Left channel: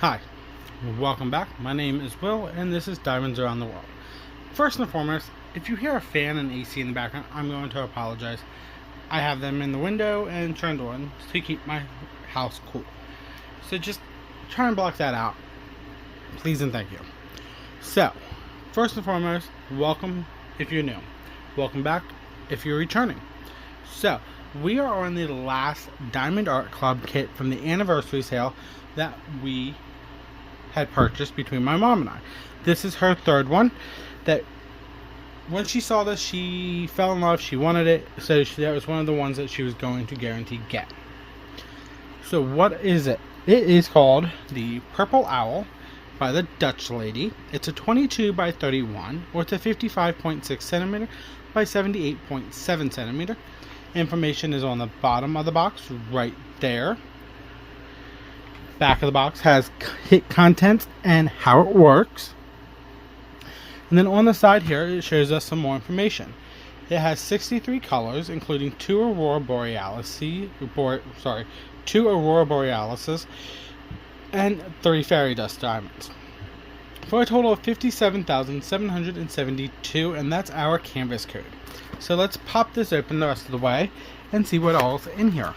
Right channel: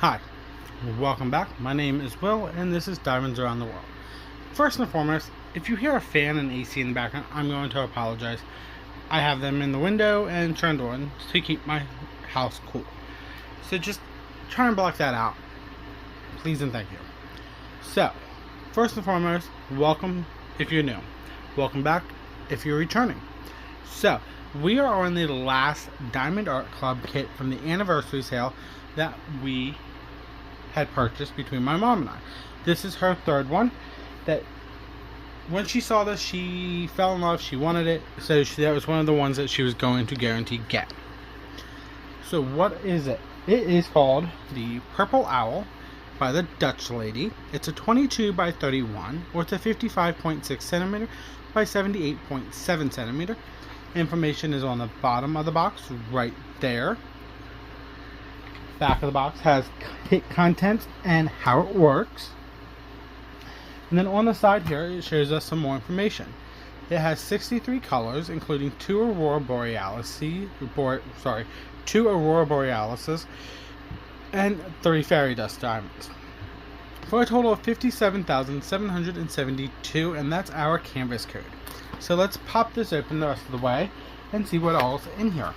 Hi, welcome back. My name is Will, and this is Diamonds Around the World. First and foremost, if you hear a fan and AC in the background, I'm going to apologize. I have them in the window and turned on to keep my house cool. So just try and block that out. Please and thank you. So, first and foremost, welcome if you're new. Welcome back if you're returning. So, we are on the last Diamond Art Club kit from the anniversary sale that we had purchased between my mom and I. This is her third one. That when she saw this, she fell in love. She wanted it, so that was one of the ones that she was going to guarantee get. So what is it? It is called the Purple Owl by the Dutch Lady. It's a 22 by 31, or it's a 55.6 centimeter by 78.7 centimeter. Information is on the bottom of the box right there. Back of the box has kit contents and how it works. And then on the side here, it shows us some more information. It has 63 colors, including two Aurora Borealises, and 3 fairy dust diamonds, for a total of 57,772, and that's our canvas code. So let's pop this open the rest of the way and see what all's in here.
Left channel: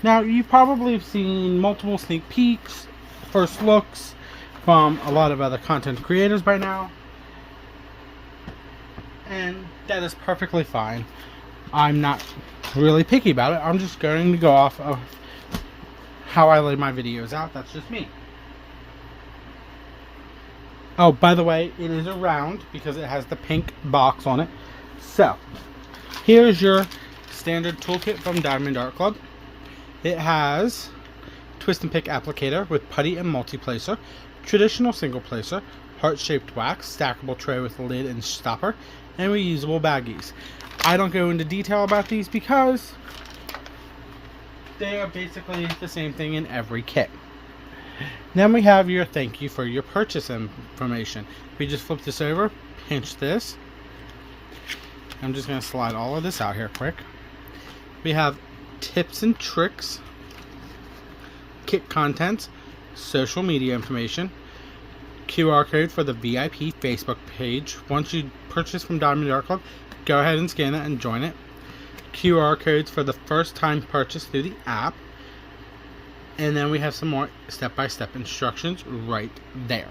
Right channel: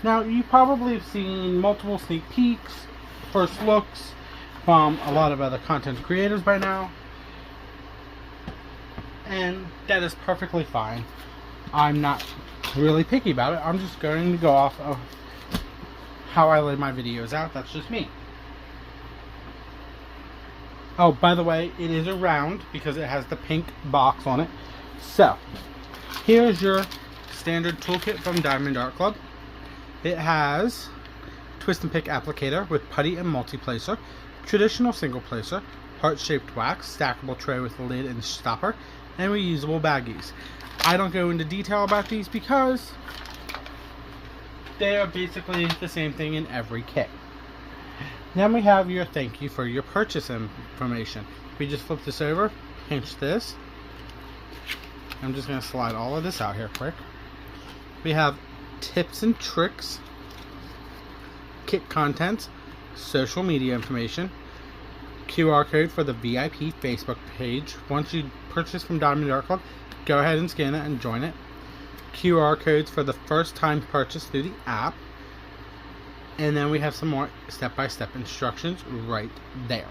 Now, you probably have seen multiple sneak peeks, first looks from a lot of other content creators by now, and that is perfectly fine. I'm not really picky about it. I'm just going to go off of how I lay my videos out. That's just me. Oh, by the way, it is a round because it has the pink box on it. So, here's your standard toolkit from Diamond Art Club. It has twist and pick applicator with putty and multi-placer, traditional single placer, heart-shaped wax, stackable tray with lid and stopper, and reusable baggies. I don't go into detail about these because they are basically the same thing in every kit. Then we have your thank you for your purchase information. We just flip this over, pinch this. I'm just going to slide all of this out here quick. We have tips and tricks, kit contents, social media information, QR code for the VIP Facebook page. Once you purchase from Diamond Art Club, go ahead and scan it and join it. QR codes for the first time purchase through the app. And then we have some more step-by-step instructions right there.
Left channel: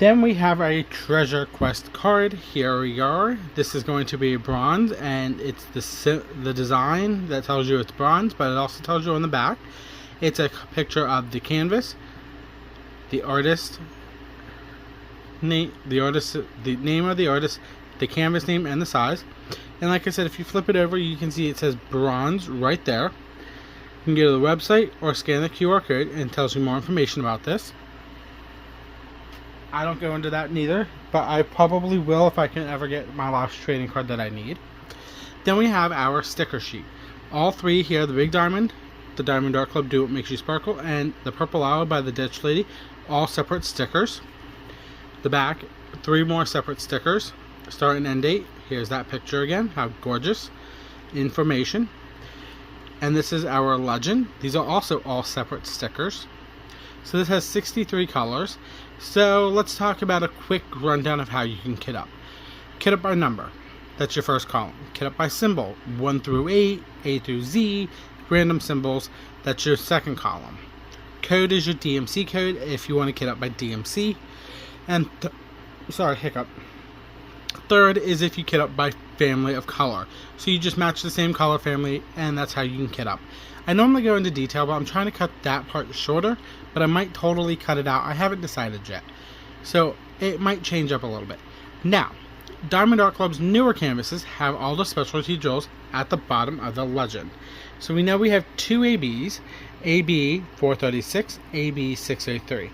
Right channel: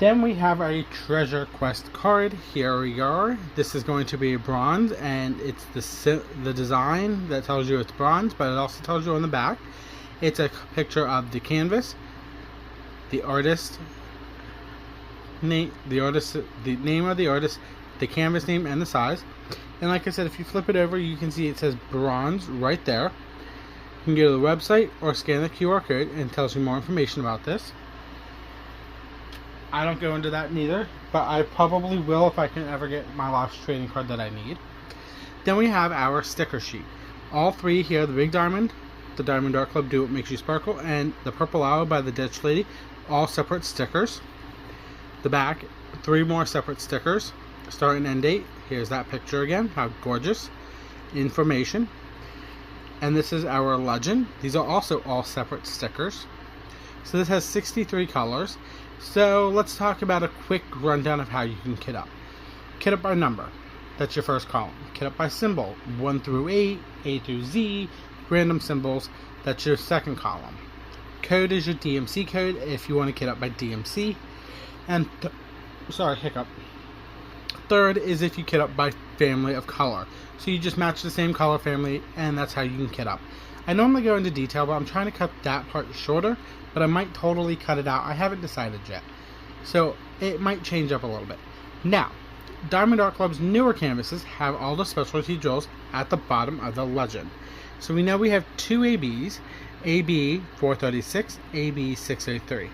Then we have a treasure quest card. Here we are. This is going to be bronze, and it's the design that tells you it's bronze, but it also tells you on the back. It's a picture of the canvas, the artist name, the name of the artist, the canvas name, and the size. And like I said, if you flip it over, you can see it says bronze right there. You can go to the website or scan the QR code, and it tells you more information about this. I don't go into that neither, but I probably will if I can ever get my last trading card that I need. Then we have our sticker sheet. All three here, the Big Diamond, the Diamond Art Club Do What Makes You Sparkle, and the Purple Owl by the Dutch Lady, all separate stickers. The back, 3 more separate stickers. Start and end date. Here's that picture again. How gorgeous. Information. And this is our legend. These are also all separate stickers. So this has 63 colors. So let's talk about a quick rundown of how you can kit up. Kit up by number. That's your first column. Kit up by symbol. 1 through 8, A through Z, random symbols. That's your second column. Code is your DMC code if you want to kit up by DMC. And third is if you kit up by family of color. So you just match the same color family, and that's how you can kit up. I normally go into detail, but I'm trying to cut that part shorter, but I might totally cut it out. I haven't decided yet. So it might change up a little bit. Now, Diamond Art Club's newer canvases have all the specialty jewels at the bottom of the legend. So we know we have 2 ABs, AB 436, AB 603,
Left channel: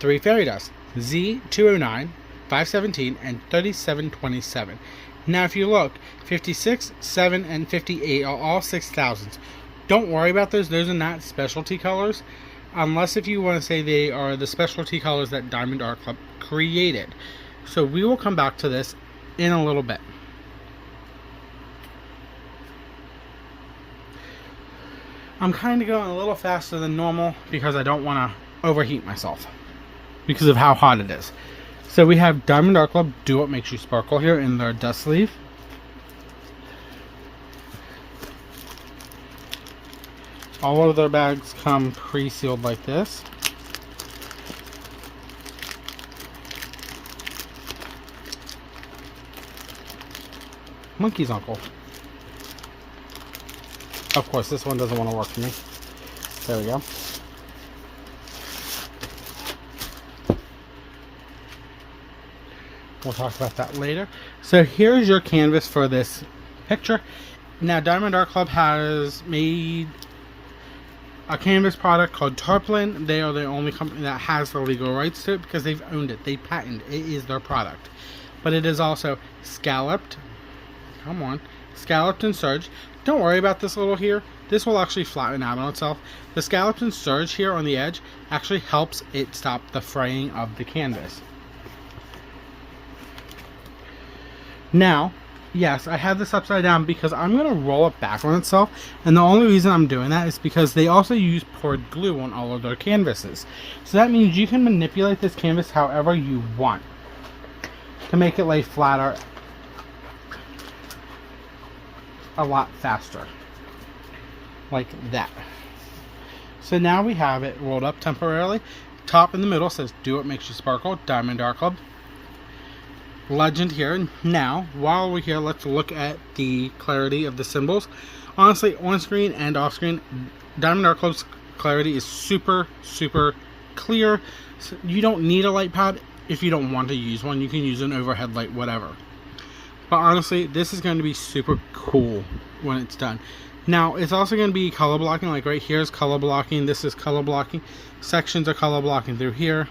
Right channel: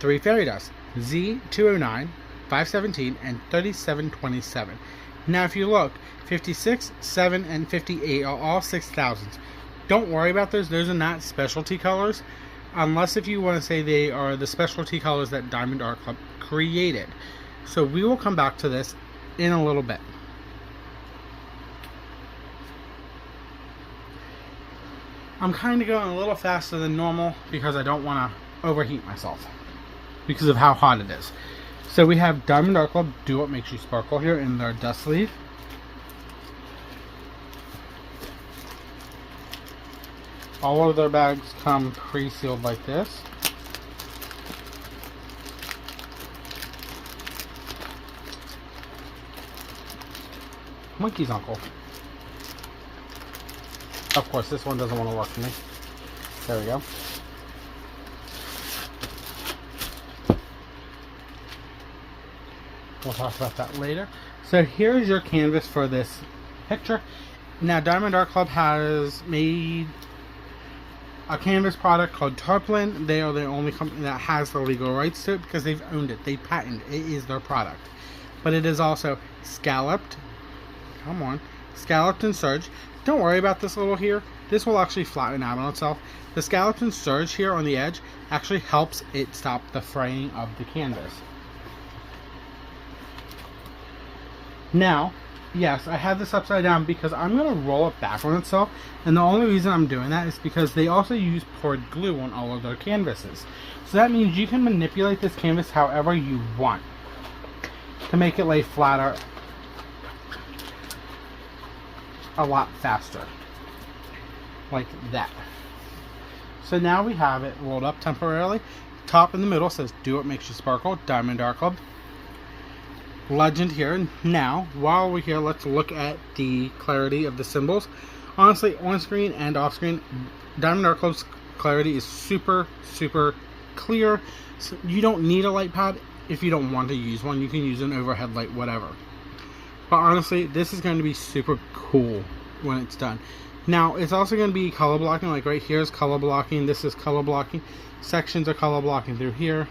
3 fairy dust, Z 209, 517, and 3727. Now if you look, 56, 7, and 58 are all 6,000s. Don't worry about those are not specialty colors, unless if you want to say they are the specialty colors that Diamond Art Club created. So we will come back to this in a little bit. I'm kind of going a little faster than normal because I don't want to overheat myself because of how hot it is. So we have Diamond Art Club Do What Makes You Sparkle here in their dust sleeve. All of their bags come pre-sealed like this. Monkey's uncle. Of course, this one doesn't want to work for me. There we go. We'll talk about that later. So here's your canvas for this picture. Now, Diamond Art Club has made a canvas product called Tarpaulin. They are the only company that has the legal rights to it because they've owned it. They patented it. It is their product. But it is also scalloped. Come on. Scalloped and serged. Don't worry about this little here. This will actually flatten out on itself. The scalloped and serged here on the edge actually helps it stop the fraying of the canvas. Now, yes, I have this upside down because I'm going to roll it back on itself. And the only reason I'm doing that is because they also use poured glue on all of their canvases. So that means you can manipulate this canvas however you want to make it lay flatter a lot faster. Like that. So now we have it rolled up temporarily. Top in the middle says Do What Makes You Sparkle, Diamond Art Club. Legend here. Now, while we're here, let's look at the clarity of the symbols. Honestly, on screen and off screen, Diamond Art Club's clarity is super clear. So you don't need a light pad if you don't want to use one. You can use an overhead light, whatever. But honestly, this is going to be super cool when it's done. Now, it's also going to be color blocking. Like right here is color blocking. This is color blocking. Sections are color blocking through here.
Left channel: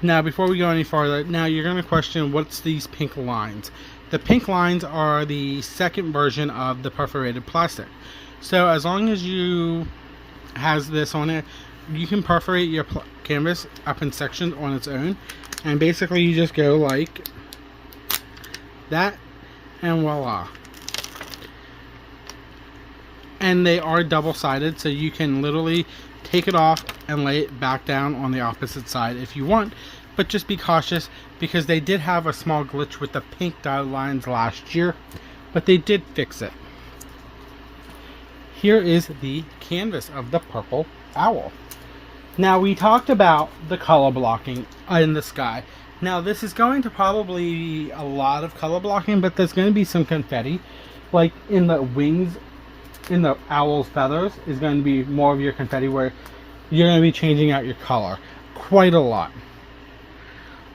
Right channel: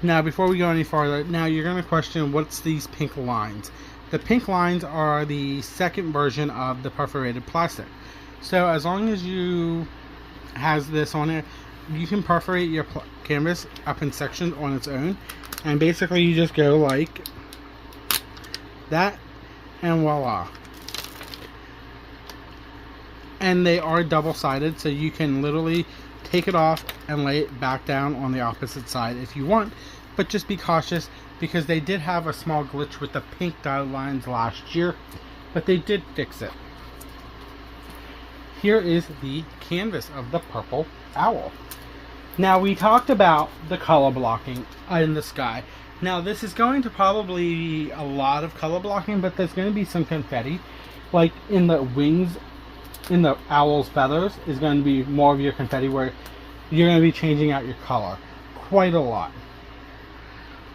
Now, before we go any farther, now you're going to question what's these pink lines. The pink lines are the second version of the perforated plastic. So as long as you has this on it, you can perforate your canvas up in sections on its own. And basically you just go like that, and voila. And they are double-sided, so you can literally take it off and lay it back down on the opposite side if you want. But just be cautious because they did have a small glitch with the pink dotted lines last year, but they did fix it. Here is the canvas of the Purple Owl. Now, we talked about the color blocking in the sky. Now, this is going to probably be a lot of color blocking, but there's going to be some confetti. Like in the wings, in the owl's feathers, is going to be more of your confetti where you're going to be changing out your color. Quite a lot.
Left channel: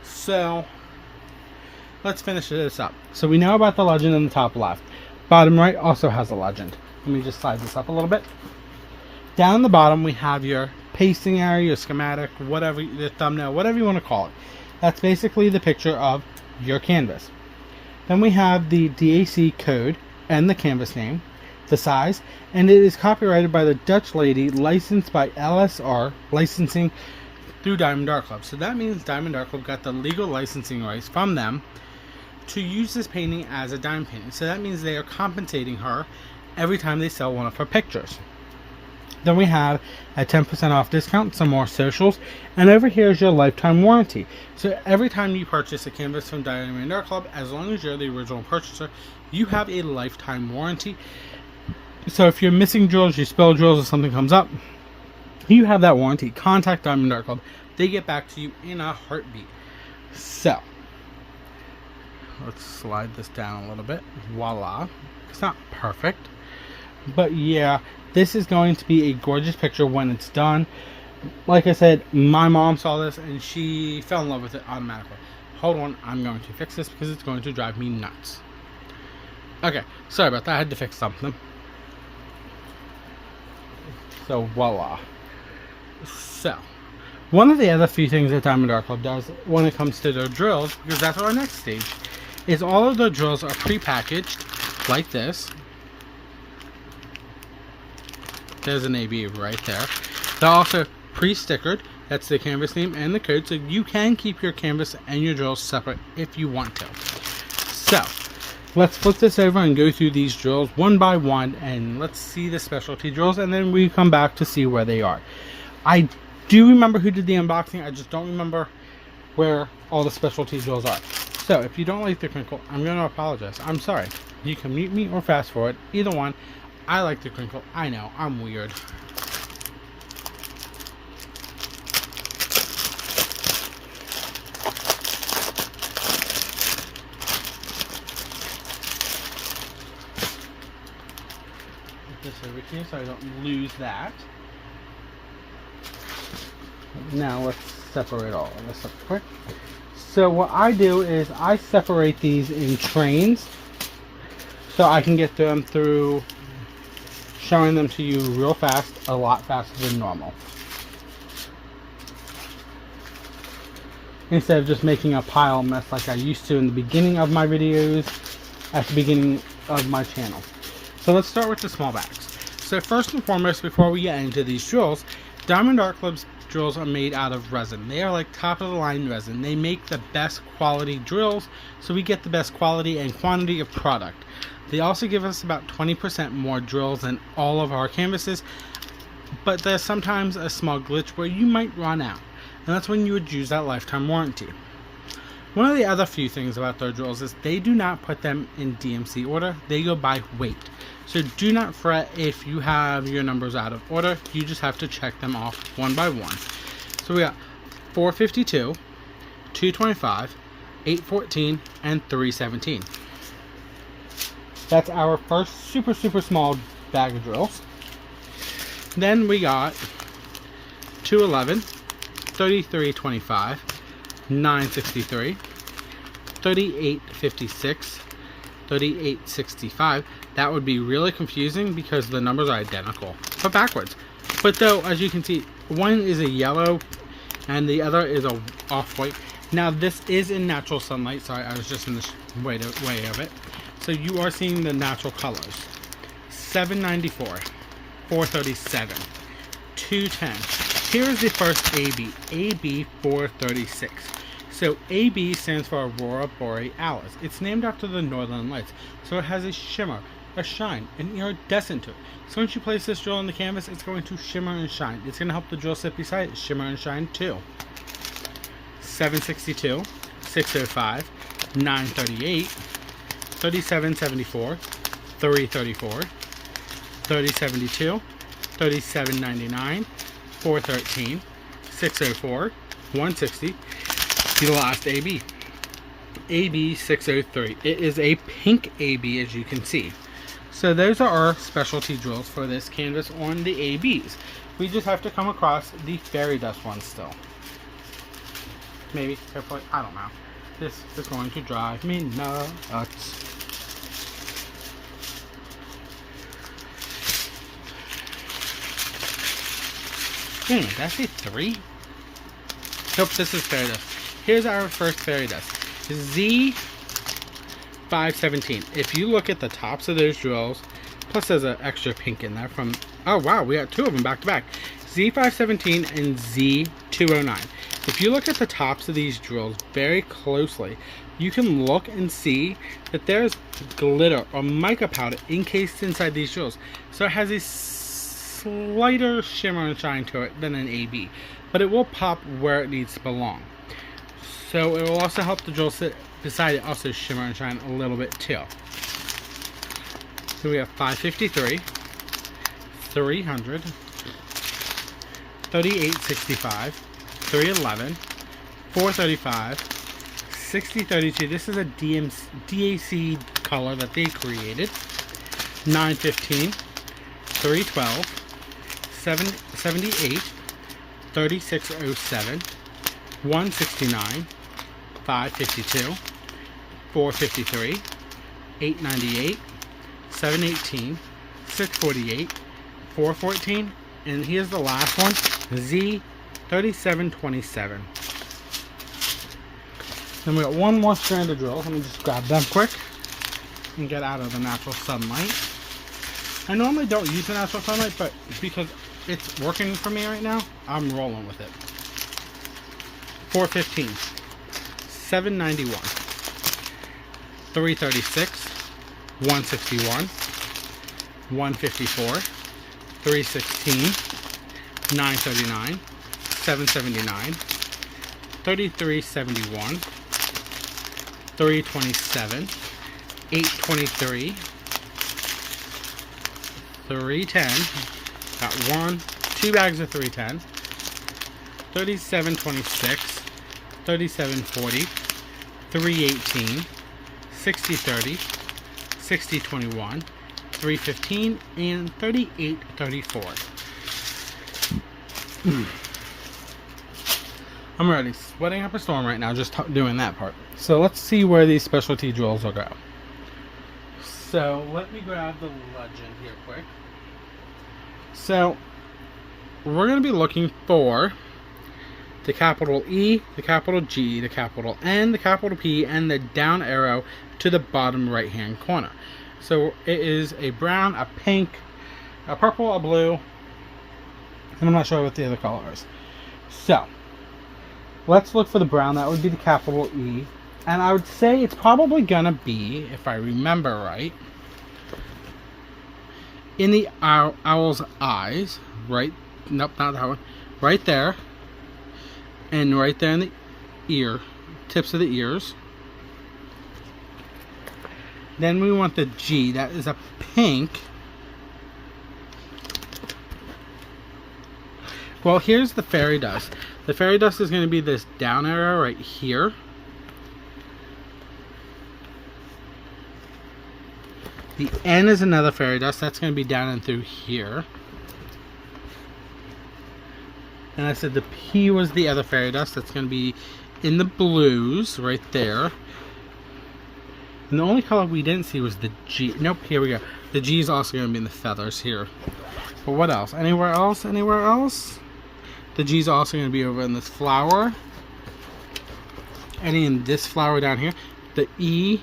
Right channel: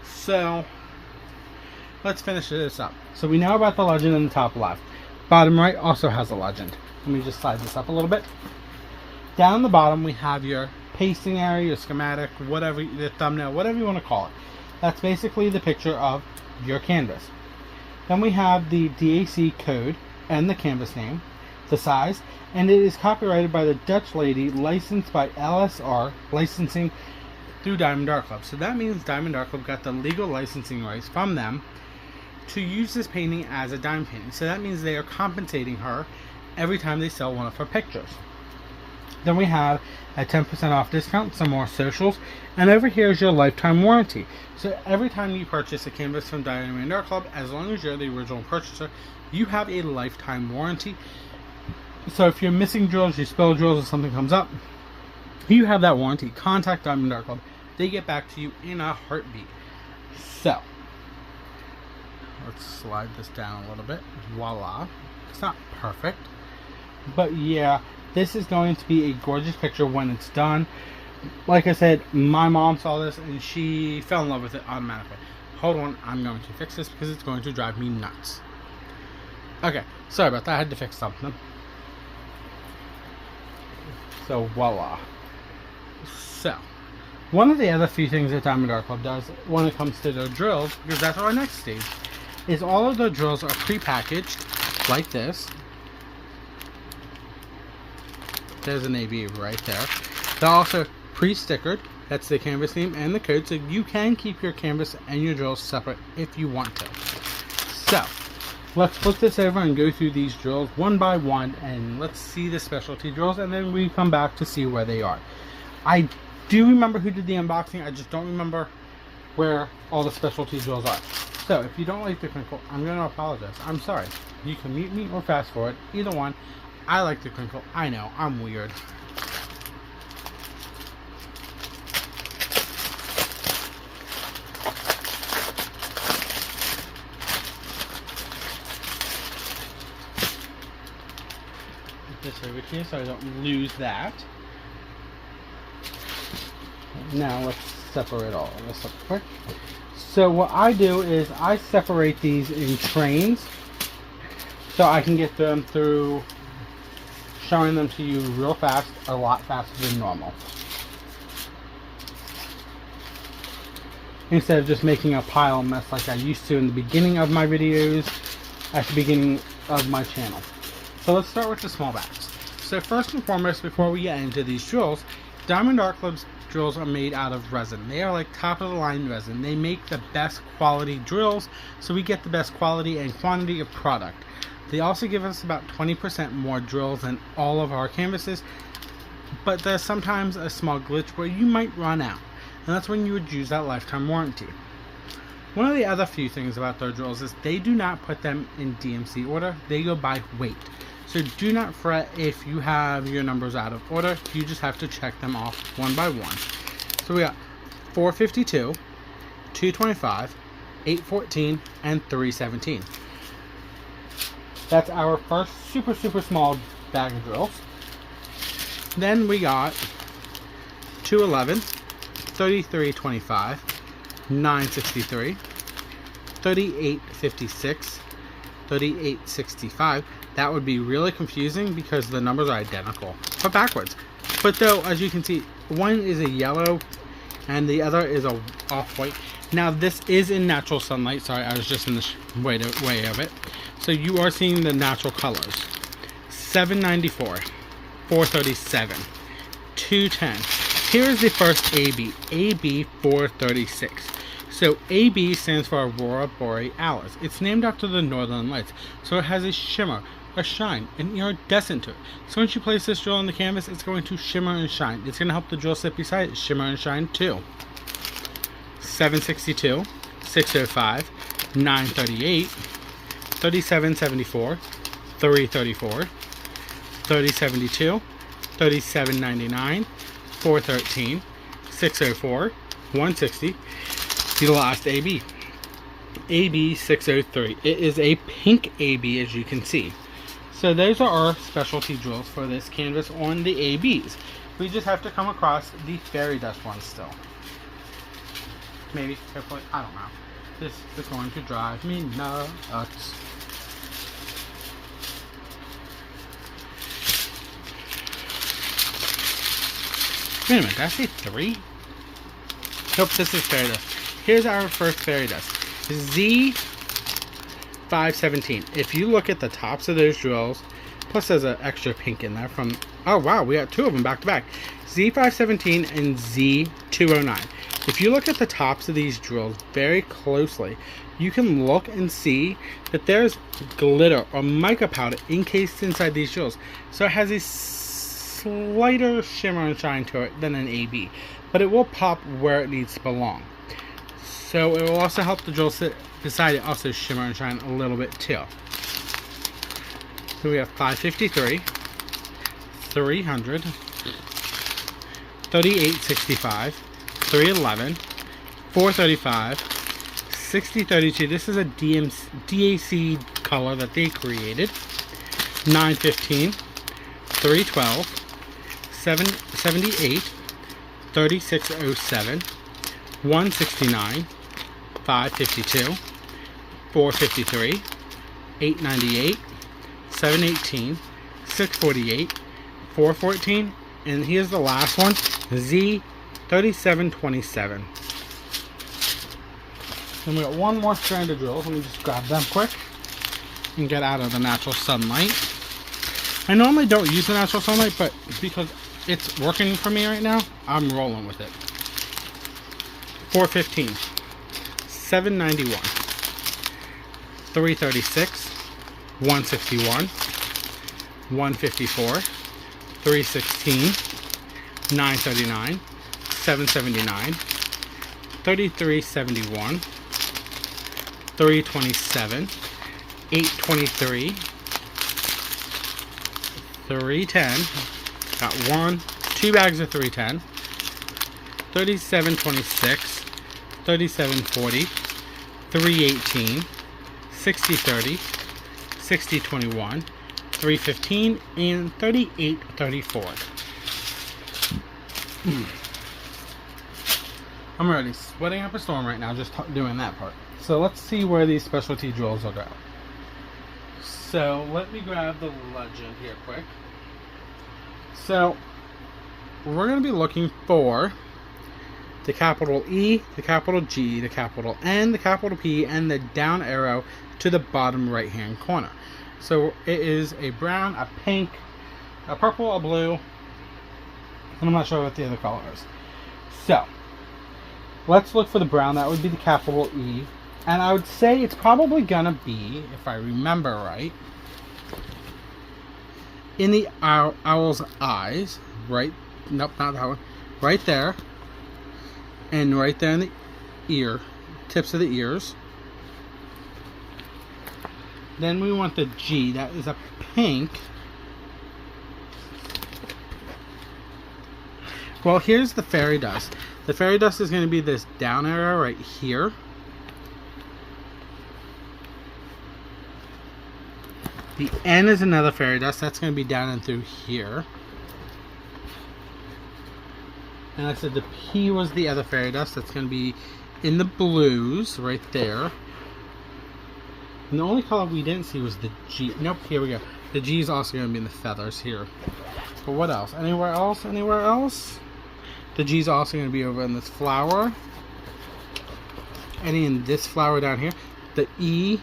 So, let's finish this up. So, we know about the legend in the top left. Bottom right also has a legend. Let me just slide this up a little bit. Down the bottom, we have your pasting area, your schematic, whatever, your thumbnail, whatever you want to call it. That's basically the picture of your canvas. Then we have the DAC code and the canvas name, the size, and it is copyrighted by the Dutch lady, licensed by LSR Licensing through Diamond Art Club. So that means Diamond Art Club got the legal licensing rights from them to use this painting as a dime painting. So that means they are compensating her every time they sell one of her pictures. Then we have a 10% off discount, some more socials, and over here is your lifetime warranty. So every time you purchase a canvas from Diamond Art Club, as long as you're the original purchaser, you have a lifetime warranty. So if you're missing drills, you spill drills, or something comes up, you have that warranty. Contact Diamond Art Club. They get back to you in a heartbeat. So, let's slide this down a little bit. Voila. It's not perfect, but yeah, this is going to be a gorgeous picture when it's done. Like I said, my mom saw this and she fell in love with it automatically. Hold on, I'm going to fix this because it's going to drive me nuts. Okay, sorry about that. I had to fix something. So, voila. So, one of the other few things that Diamond Art Club does when it comes to their drills, because that's our next stage, is all of their drills are pre-packaged like this. There's an AB right there. They're also pre-stickered. That's the canvas name and the code, so you can keep your canvas and your drills separate if you want to. So, let's flip this over and go through these drills one by one, and let's see the specialty drills, and then we come back to see where they are. I do remember who did the unboxing, I just don't remember where all the specialty drills are. So if you don't like the crinkle, I'm going to apologize. I'm sorry. You can mute me or fast forward, either one. I like the crinkle. I know, I'm weird. This over here so I don't lose that. Now let's separate all of this up quick. So what I do is I separate these in trains so I can get them through showing them to you real fast, a lot faster than normal. Instead of just making a pile of mess like I used to in the beginning of my videos at the beginning of my channel. So let's start with the small bags. So first and foremost, before we get into these drills, Diamond Art Club's drills are made out of resin. They are like top of the line resin. They make the best quality drills, so we get the best quality and quantity of product. They also give us about 20% more drills than all of our canvases, but there's sometimes a small glitch where you might run out, and that's when you would use that lifetime warranty. One of the other few things about their drills is they do not put them in DMC order, they go by weight. So do not fret if you have your numbers out of order, you just have to check them off one by one. So we got 452, 225, 814, and 317. That's our first super small bag of drills. Then we got 211, 3325, 963, 3856, 3865. That would be really confusing because the numbers are identical, but backwards. But though, as you can see, one is a yellow and the other is a off-white. Now this is in natural sunlight. Sorry, I was just in the way of it. So you are seeing the natural colors. 794, 437, 210. Here's the first AB, AB 436. So AB stands for Aurora Borealis. It's named after the Northern Lights. So it has a shimmer, a shine, an iridescent to it. So once you place this drill on the canvas, it's going to shimmer and shine. It's going to help the drill sit beside it shimmer and shine too. 762, 605, 938, 3774, 334, 3072, 3799, 413, 604, 160, the last AB. AB 603. It is a pink AB, as you can see. So those are our specialty drills for this canvas on the ABs. We just have to come across the fairy dust ones still. Maybe, hopefully, I don't know. This is going to drive me nuts. Wait a minute, did I say 3? Nope, this is fairy dust. Here's our first fairy dust. Z517. If you look at the tops of those drills, plus there's an extra pink in there from, oh wow, we got 2 of them back to back. Z517 and Z209. If you look at the tops of these drills very closely, you can look and see that there's glitter or mica powder encased inside these drills. So it has a slighter shimmer and shine to it than an AB, but it will pop where it needs to belong. So it will also help the drill sit beside it also shimmer and shine a little bit too. So we have 553, 300, 3865, 311, 435, 6032. This is a DAC color that they created. 915, 312, 778, 3607, 169, 552, 453, 898, 718, 648, 414, and here's the last one, Z3727. And we got one more strand of drills. Let me just grab them quick and get out of the natural sunlight. I normally don't use the natural sunlight, but because it's working for me right now, I'm rolling with it. 415, 791, 336, 161, 154, 316, 939, 779, 3371, 327, 823, 310, got 2 bags of 310, 3726, 3740, 318, 6030, 6021, 315, and 3834. I'm already sweating up a storm right now just doing that part. So let's see where these specialty jewels will go. So let me grab the legend here quick. So we're going to be looking for the capital E, the capital G, the capital N, the capital P, and the down arrow to the bottom right hand corner. So it is a brown, a pink, a purple, a blue, and I'm not sure what the other color is. So let's look for the brown. That would be the capital E. And I would say it's probably gonna be, if I remember right, in the owl's eyes, right? Nope, not that one. Right there. And right there in the ear, tips of the ears. Then we want the G. That is a pink. Well, here's the fairy dust. The fairy dust is going to be this down arrow right here. The N is another fairy dust. That's going to be down and through here. And I said the P was the other fairy dust. That's going to be in the blues right there. And the only color we didn't see was the G. Nope, here we go. The G is also going to be in the feathers here. But what else? Anywhere else? Anywhere else? The G is also going to be over in this flower. And in this flower down here. The E,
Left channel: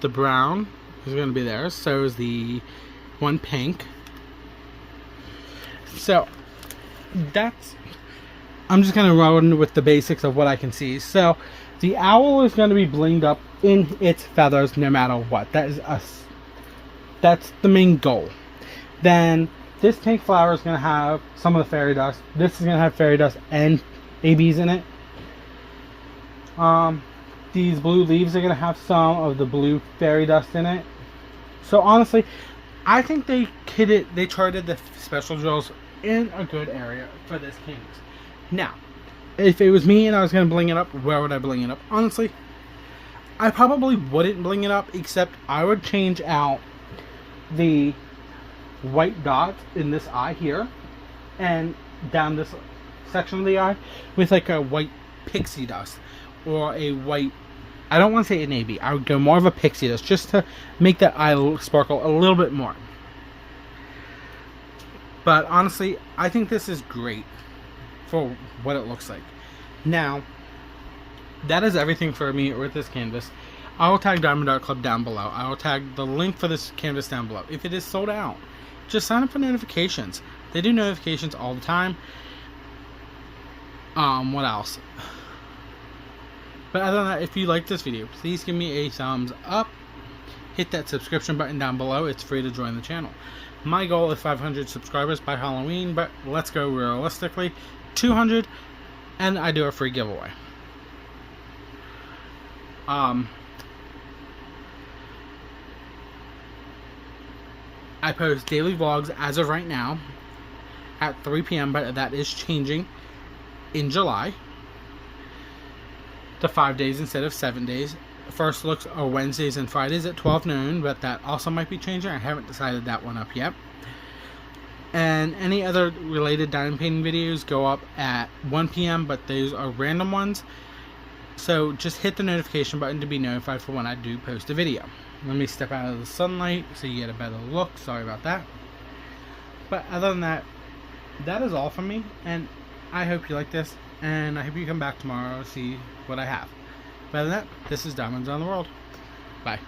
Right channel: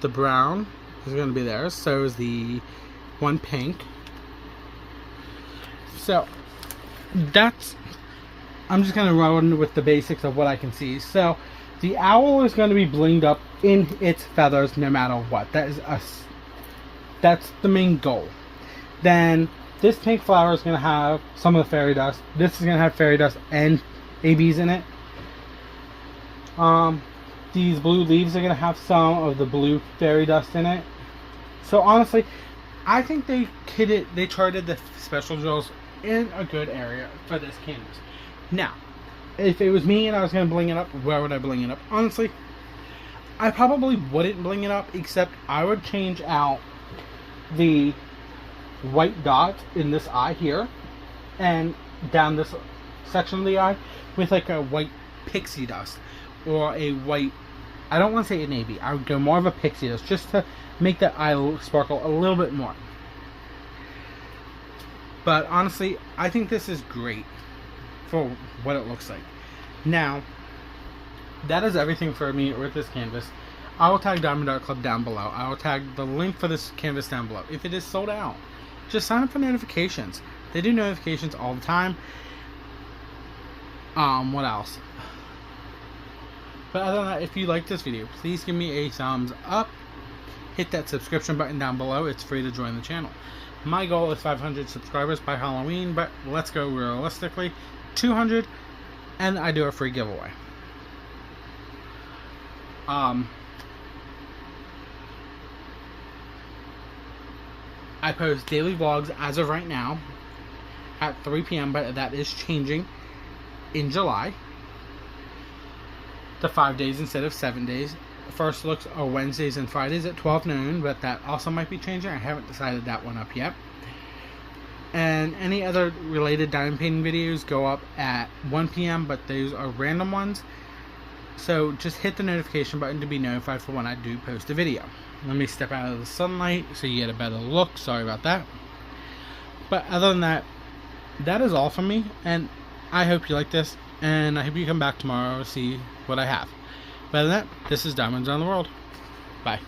the brown, is going to be there. So is the one pink. So that's... I'm just going to run with the basics of what I can see. So the owl is going to be blinged up in its feathers no matter what. That is us. That's the main goal. Then this pink flower is going to have some of the fairy dust. This is going to have fairy dust and ABs in it. These blue leaves are going to have some of the blue fairy dust in it. So honestly, I think they charted the special jewels in a good area for this canvas. Now, if it was me and I was going to bling it up, where would I bling it up? Honestly, I probably wouldn't bling it up, except I would change out the white dot in this eye here and down this section of the eye with like a white pixie dust or a white, I don't want to say an AB, I would go more of a pixie dust just to make that eye sparkle a little bit more. But honestly, I think this is great for what it looks like. Now, that is everything for me with this canvas. I will tag Diamond Art Club down below. I will tag the link for this canvas down below. If it is sold out, just sign up for notifications. They do notifications all the time. What else? But other than that, if you like this video, please give me a thumbs up. Hit that subscription button down below. It's free to join the channel. My goal is 500 subscribers by Halloween, but let's go realistically. 200, and I do a free giveaway. I post daily vlogs as of right now at 3 p.m., but that is changing in July to 5 days instead of 7 days. First looks are Wednesdays and Fridays at 12 noon, but that also might be changing. I haven't decided that one up yet. And any other related diamond painting videos go up at 1 p.m., but those are random ones. So just hit the notification button to be notified for when I do post a video. Let me step out of the sunlight so you get a better look. Sorry about that. But other than that, that is all from me. And I hope you like this. And I hope you come back tomorrow to see what I have. But other than that, this is Diamonds on the World. Bye.